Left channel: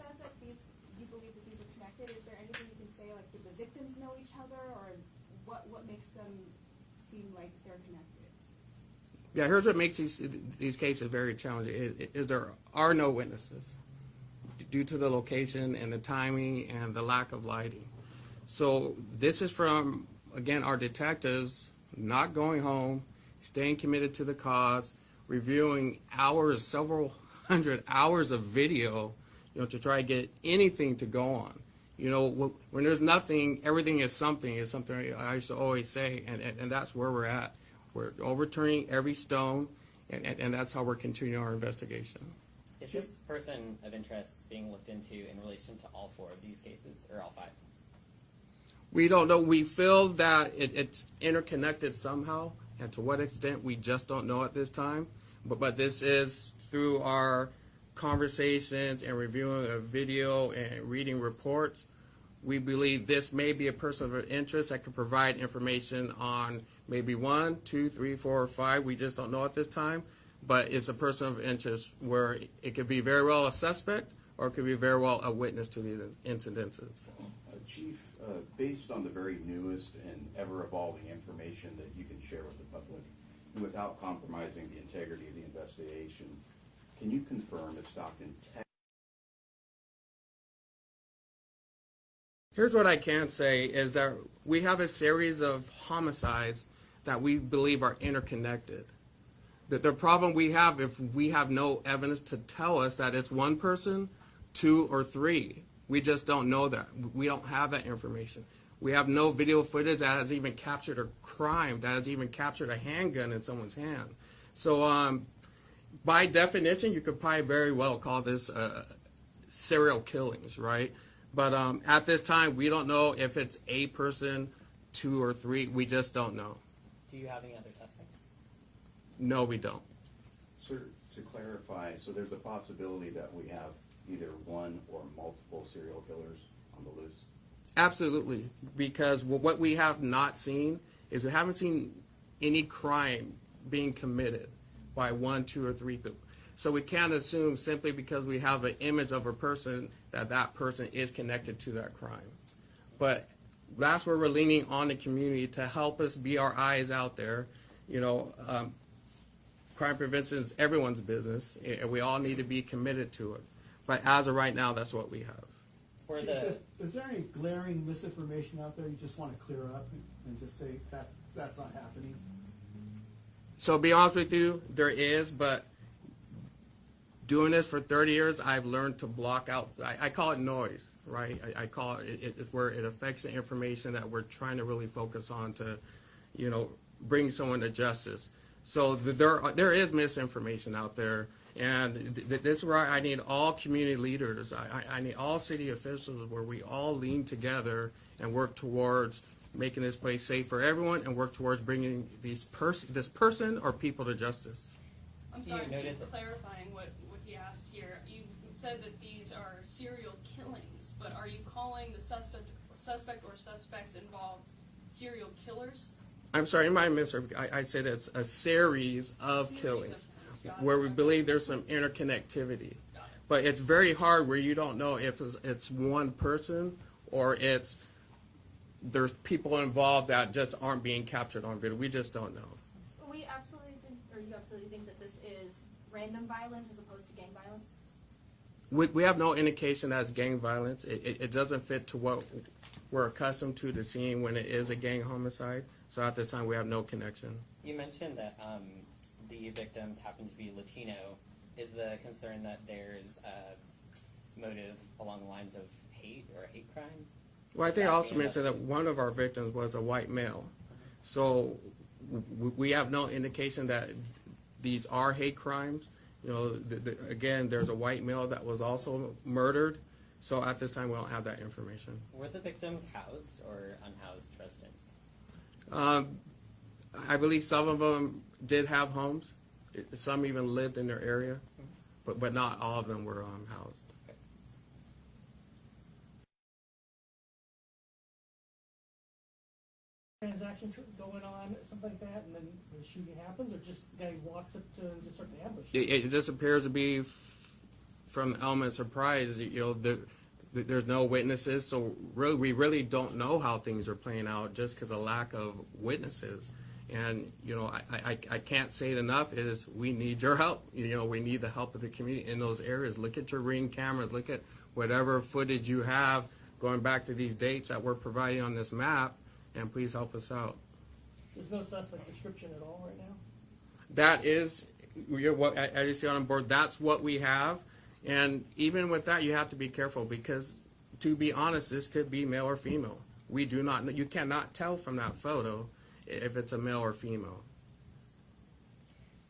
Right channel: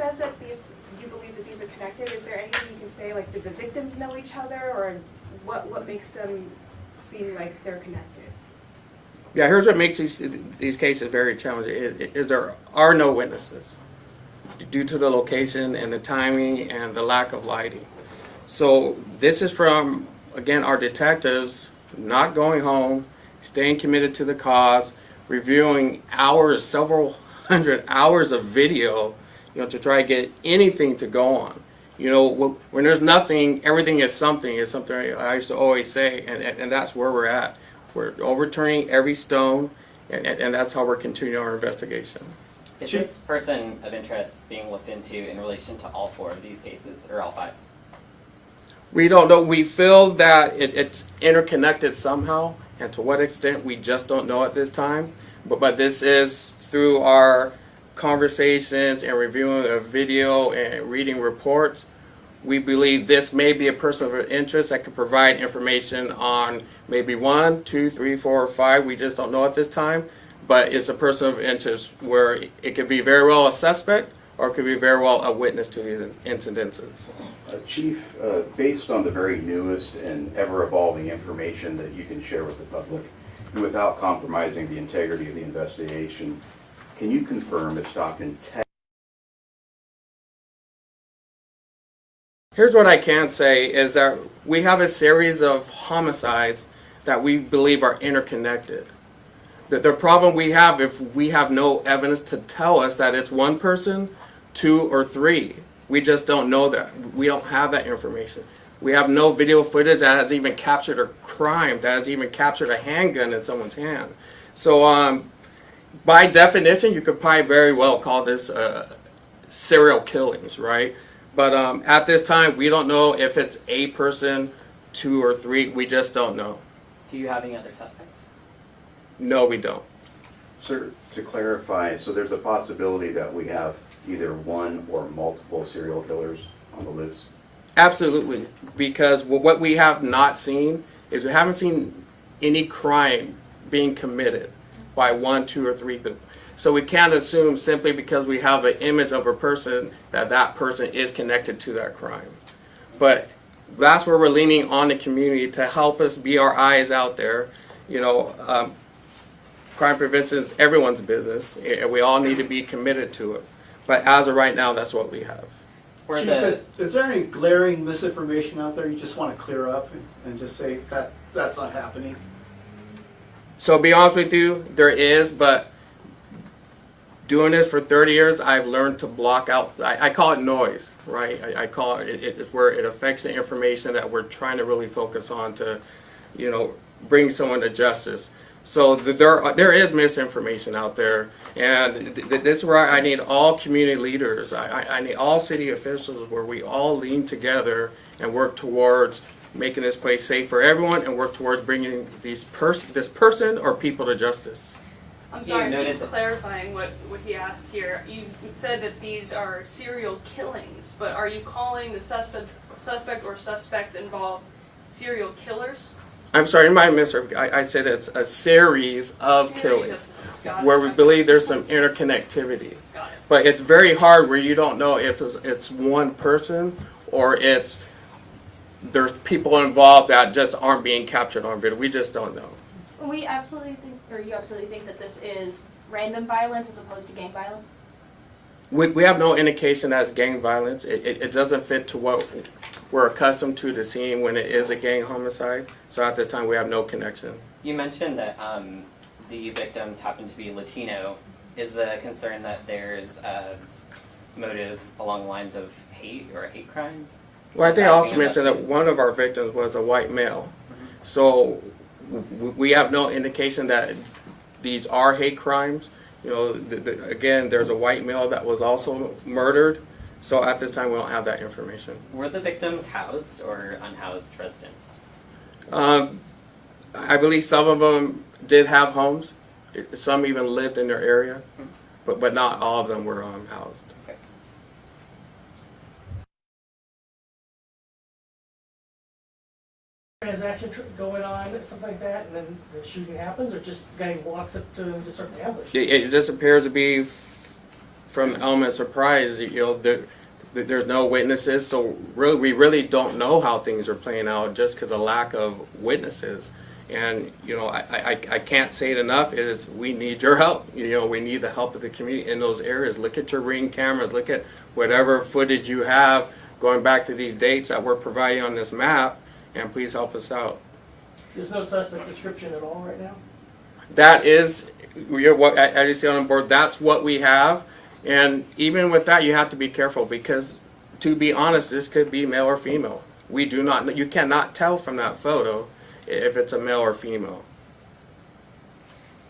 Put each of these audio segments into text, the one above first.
said that you believe that these are connected. Is there anything you can say, like, did the victims know each other, or what makes them seem like they're connected? Yeah, here's what makes these cases very challenging is there are no witnesses due to the location and the timing and the lack of lighting. So this is from, again, our detectives not going home, staying committed to the cause, reviewing hours, several hundred hours of video, to try to get anything to go on. When there's nothing, everything is something I used to always say, and that's where we're at. We're overturning every stone, and that's how we're continuing our investigation. Is this person of interest being looked into in relation to all 4 of these cases, or all 5? We don't know. We feel that it's interconnected somehow, and to what extent we just don't know at this time. But this is through our conversations and reviewing of video and reading reports. We believe this may be a person of interest that could provide information on maybe 1, 2, 3, 4, or 5. We just don't know at this time. But it's a person of interest where it could be very well a suspect or it could be very well a witness to these incidences. Chief, based on the very newest and ever-evolving information that you can share with the public, and without compromising the integrity of the investigation, can you confirm if Stockton Tech? Here's what I can say is that we have a series of homicides that we believe are interconnected. The problem we have, if we have no evidence to tell us that it's 1 person, 2, or 3, we just don't know that. We don't have that information. We have no video footage that has even captured a crime, that has even captured a handgun in someone's hand. So by definition, you could probably very well call this serial killings, right? But at this time, we don't know if it's a person, 2, or 3. We just don't know. Do you have any other suspects? No, we don't. Sir, to clarify, so there's a possibility that we have either 1 or multiple serial killers on the loose? Absolutely, because what we have not seen is we haven't seen any crime being committed by 1, 2, or 3 people. So we can't assume simply because we have an image of a person that person is connected to that crime. But that's where we're leaning on the community to help us be our eyes out there. Crime prevention is everyone's business, and we all need to be committed to it. But as of right now, that's what we have. Chief, is there any glaring misinformation out there you just want to clear up and just say that that's not happening? So to be honest with you, there is, but doing this for 30 years, I've learned to block out, I call it noise, right? I call it's where it affects the information that we're trying to really focus on to, bring someone to justice. So there is misinformation out there, and this is where I need all community leaders. I need all city officials where we all lean together and work towards making this place safe for everyone and work towards bringing this person or people to justice. I'm sorry, I'm just clarifying what he asked here. You said that these are serial killings, but are you calling the suspect or suspects involved serial killers? I'm sorry, you might miss her. I said it's a series of killings where we believe there's some interconnectivity. Got it. But it's very hard where you don't know if it's 1 person or there's people involved that just aren't being captured on video. We just don't know. We absolutely think, or you absolutely think that this is random violence as opposed to gang violence? We have no indication that it's gang violence. It doesn't fit to what we're accustomed to seeing when it is a gang homicide. So at this time, we have no connection. You mentioned that the victims happen to be Latino. Is the concern that there's a motive along the lines of hate or a hate crime? Well, I think I also mentioned that one of our victims was a white male. So we have no indication that these are hate crimes. Again, there's a white male that was also murdered. So at this time, we don't have that information. Were the victims housed or unhoused residents? I believe some of them did have homes. Some even lived in their area, but not all of them were housed. Okay. Transaction going on, something like that, and then the shooting happens, or just the guy walks up to him and just starts to ambush? It just appears to be from element surprise, there's no witnesses, so really, we really don't know how things are playing out just because of lack of witnesses. And, I can't say it enough, is we need your help. We need the help of the community in those areas. Look at your Ring cameras, look at whatever footage you have going back to these dates that we're providing on this map, and please help us out. There's no suspect description at all right now? That is, what as you see on the board, that's what we have. And even with that, you have to be careful because, to be honest, this could be male or female. You cannot tell from that photo if it's a male or female.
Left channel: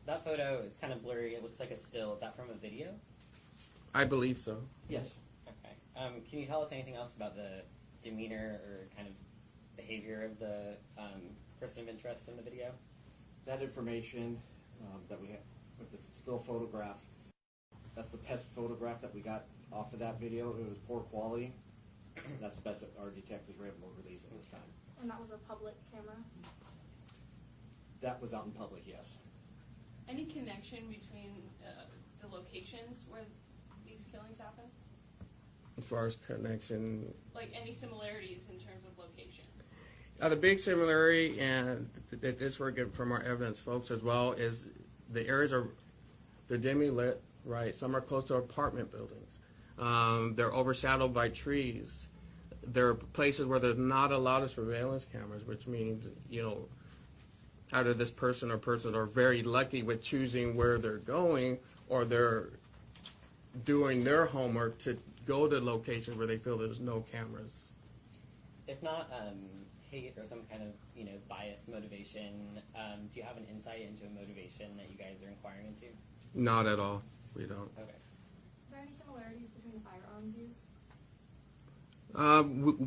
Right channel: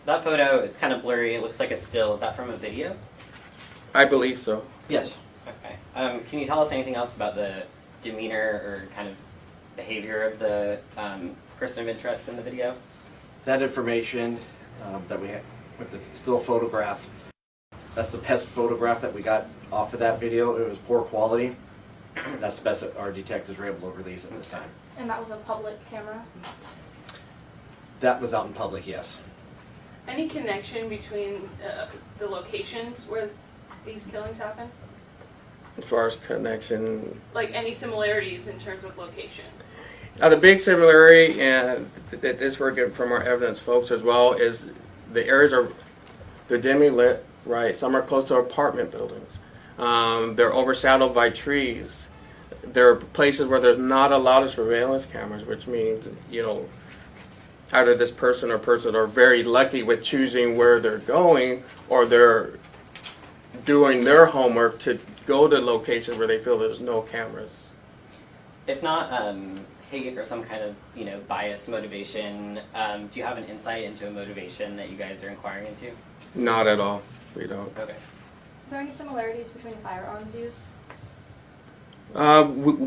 That photo, it's kind of blurry. It looks like a still. Is that from a video? I believe so. Yes. Okay. Can you tell us anything else about the demeanor or kind of behavior of the person of interest in the video? That information that we have with the still photograph, that's the best photograph that we got off of that video. It was poor quality. That's the best that our detectives were able to release at this time. And that was a public camera? That was out in public, yes. Any connection between the locations where these killings happen? As far as connection, Like any similarities in terms of location? the big similarity, and that this we're getting from our evidence folks as well, is the areas they're dimly lit, right? Some are close to apartment buildings. They're overshadowed by trees. There are places where there's not a lot of surveillance cameras, which means, either this person or person are very lucky with choosing where they're going, or they're doing their homework to go to locations where they feel there's no cameras. If not hate or some kind of bias motivation, do you have an insight into a motivation that you guys are inquiring into? Not at all. We don't. Okay. Are there any similarities between the firearms used?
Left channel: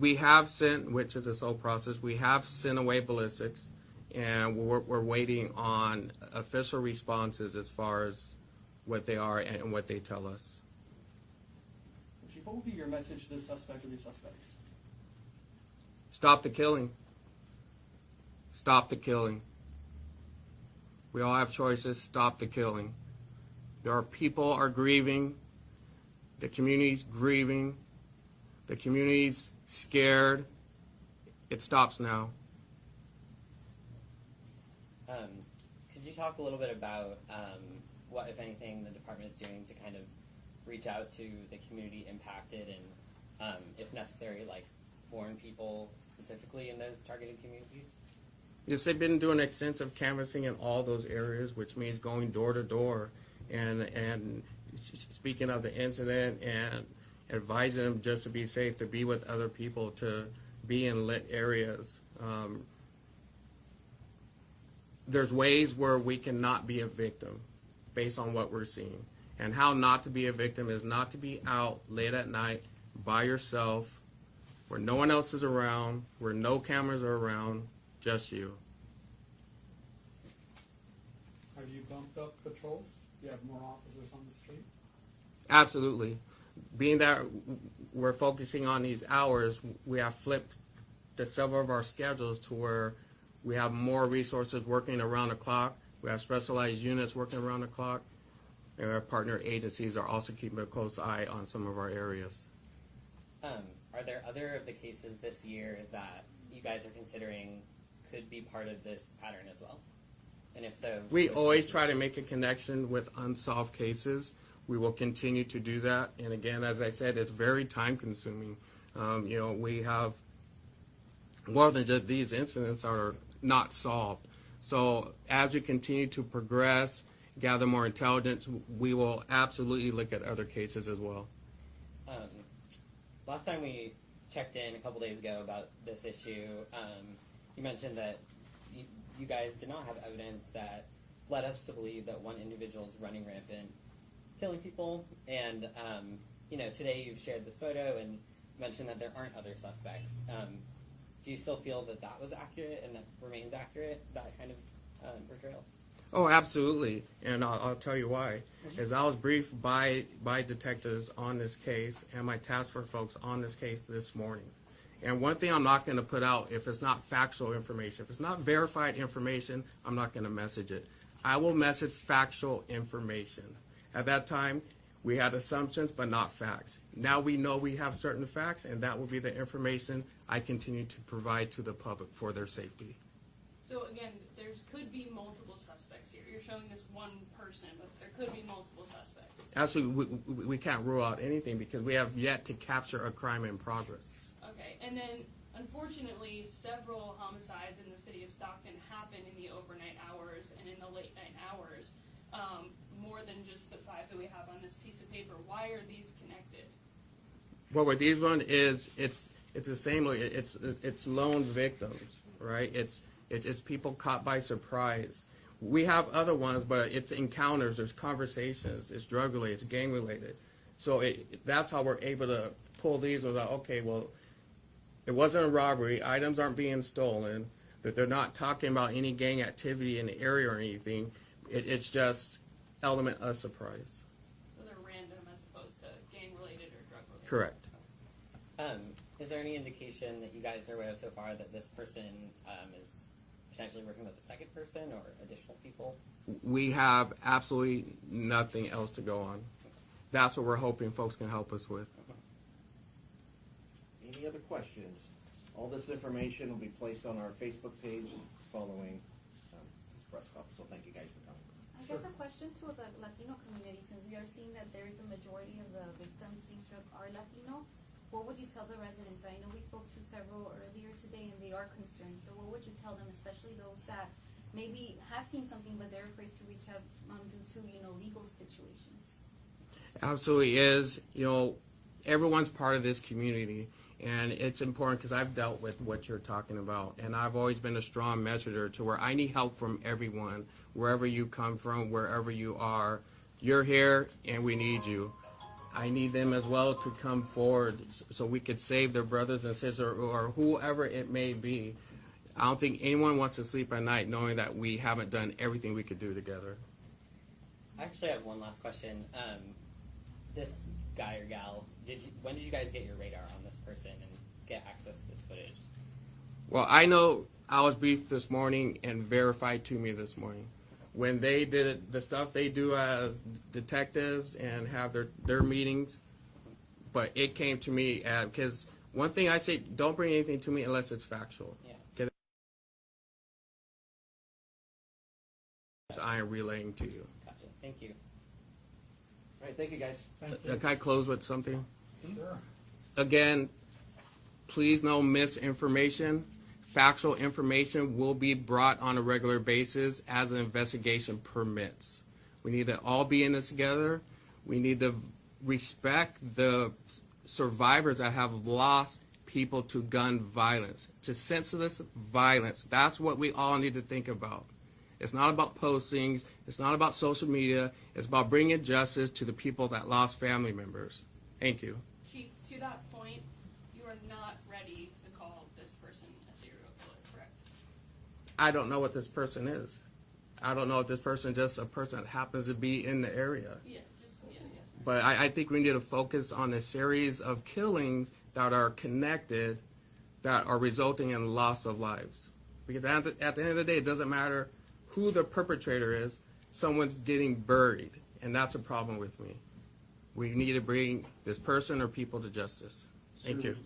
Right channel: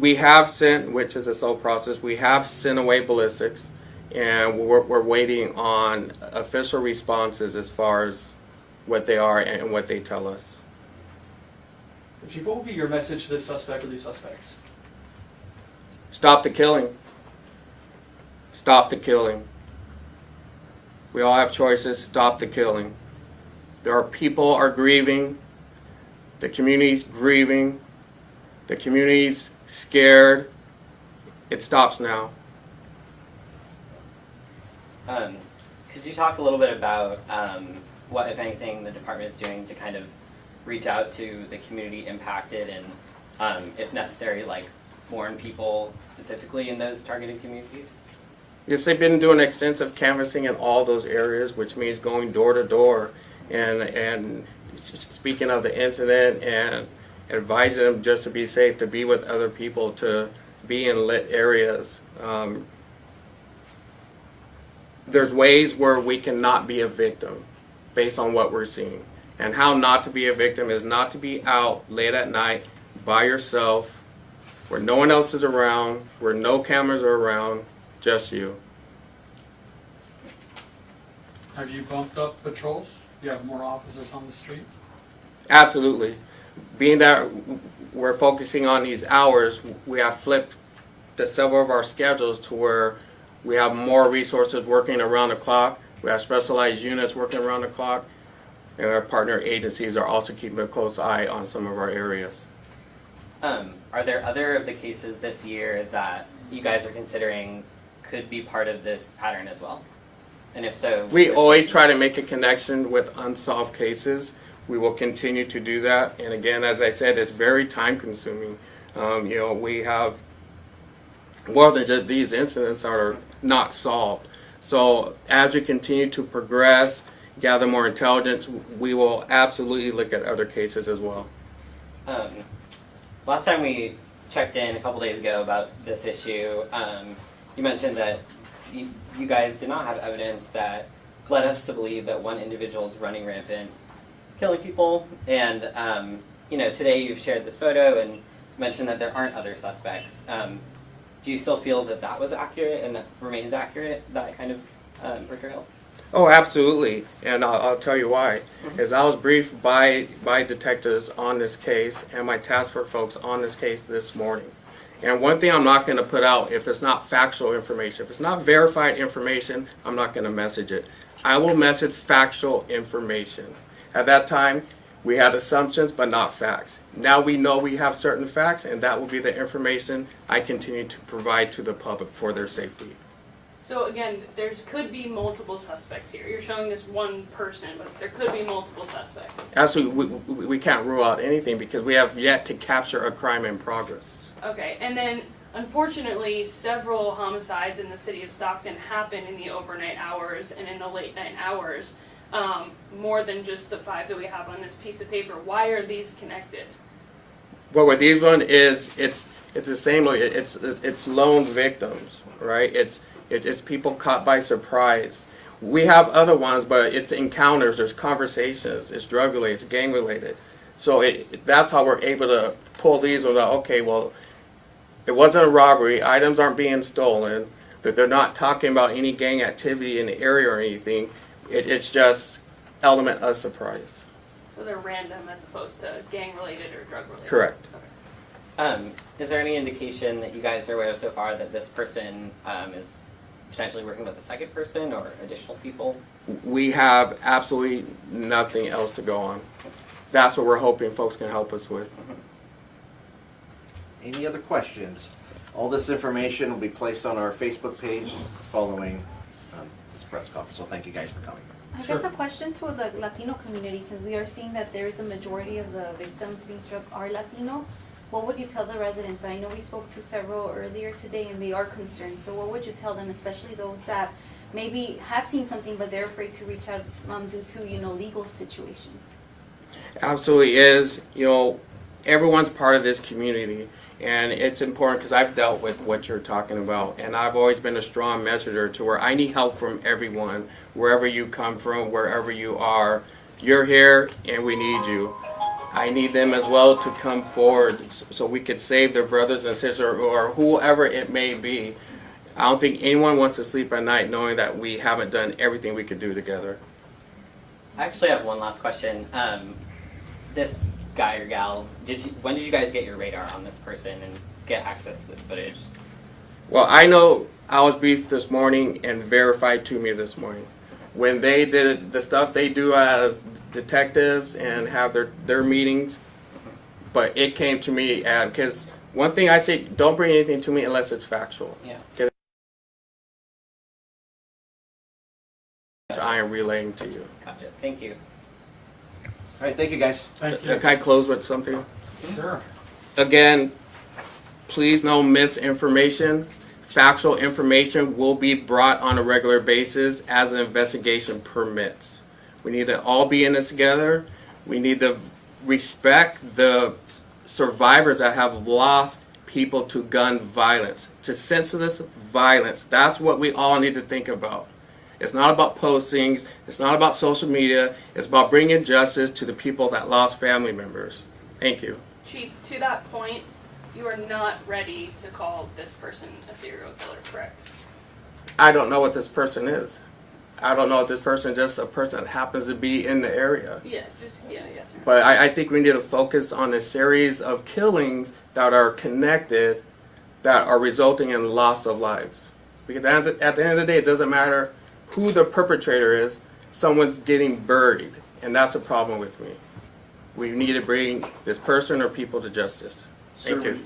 We have sent, which is a slow process, we have sent away ballistics, and we're waiting on official responses as far as what they are and what they tell us. Chief, what would be your message to this suspect or these suspects? Stop the killing. Stop the killing. We all have choices. Stop the killing. There are people are grieving. The community's grieving. The community's scared. It stops now. Could you talk a little bit about what, if anything, the department is doing to kind of reach out to the community impacted and, if necessary, warn people specifically in those targeted communities? Yes, they've been doing extensive canvassing in all those areas, which means going door to door and speaking of the incident and advising them just to be safe, to be with other people, to be in lit areas. There's ways where we cannot be a victim based on what we're seeing. And how not to be a victim is not to be out late at night by yourself, where no one else is around, where no cameras are around, just you. Have you bumped up patrols? You have more officers on the street? Absolutely. Being that we're focusing on these hours, we have flipped several of our schedules to where we have more resources working around the clock. We have specialized units working around the clock. And our partner agencies are also keeping a close eye on some of our areas. Are there other of the cases this year that you guys are considering could be part of this pattern as well? And if so, We which always cases? try to make a connection with unsolved cases. We will continue to do that. And again, as I said, it's very time consuming. We have more than just these incidents that are not solved. So as we continue to progress, gather more intelligence, we will absolutely look at other cases as well. Last time we checked in a couple days ago about this issue, you mentioned that you guys did not have evidence that led us to believe that one individual is running rampant, killing people. And today you've shared this photo and mentioned that there aren't other suspects. Do you still feel that that was accurate and that remains accurate, that kind of portrayal? Oh, absolutely, and I'll tell you why. As I was briefed by detectives on this case and my task force folks on this case this morning. And one thing I'm not going to put out, if it's not factual information, if it's not verified information, I'm not going to message it. I will message factual information. At that time, We had assumptions, but not facts. Now we know we have certain facts, and that will be the information I continue to provide to the public for their safety. So again, could be multiple suspects here. You're showing this one person, but there could be multiple suspects. Absolutely, we can't rule out anything because we have yet to capture a crime in progress. Okay, and then unfortunately, several homicides in the city of Stockton happen in the overnight hours and in the late night hours, more than just the 5 that we have on this piece of paper. Why are these connected? Well, with these one is it's the same. It's lone victims, right? It's people caught by surprise. We have other ones, but it's encounters. There's conversations. It's drug related. It's gang related. So that's how we're able to pull these ones out. Okay, well, it wasn't a robbery. Items aren't being stolen. That they're not talking about any gang activity in the area or anything. It's just element of surprise. So they're random as opposed to gang related or drug related? Correct. Okay. Is there any indication that you guys are aware of so far that this person is potentially working with a second person or additional people? We have absolutely nothing else to go on. That's what we're hoping folks can help us with. Any other questions? All this information will be placed on our Facebook page following this press conference, so thank you guys for coming. I guess a question to the Latino community, since we are seeing that there is a majority of the victims being struck are Latino, what would you tell the residents? I know we spoke to several earlier today and they are concerned, so what would you tell them, especially those that maybe have seen something but they're afraid to reach out due to, legal situations? Absolutely is. Everyone's part of this community, and it's important because I've dealt with what you're talking about, and I've always been a strong messenger to where I need help from everyone, wherever you come from, wherever you are. You're here, and we need you. I need them as well to come forward so we could save their brothers and sisters or whoever it may be. I don't think anyone wants to sleep at night knowing that we haven't done everything we could do together. I actually have one last question. This guy or gal, when did you guys get your radar on this person and get access to this footage? Well, I know I was briefed this morning and verified to me this morning. When they did the stuff they do as detectives and have their meetings, but it came to me because one thing I say, don't bring anything to me unless it's factual. Yeah. I am relaying to you. Gotcha. Thank you. All right, thank you guys. Thank you. Can I close with something? Sure. Again, please no misinformation. Factual information will be brought on a regular basis as an investigation permits. We need to all be in this together. We need to respect the survivors that have lost people to gun violence, to senseless violence. That's what we all need to think about. It's not about postings. It's not about social media. It's about bringing justice to the people that lost family members. Thank you. Chief, to that point, you are not ready to call this person a serial killer, correct? I don't know what this person is. I don't know if this person is just a person that happens to be in the area. Yeah, yes, sir. But I think we need to focus on a series of killings that are connected, that are resulting in loss of lives. Because at the end of the day, it doesn't matter who the perpetrator is, someone's getting buried. And that's a problem with me. We need to bring this person or people to justice. Thank you.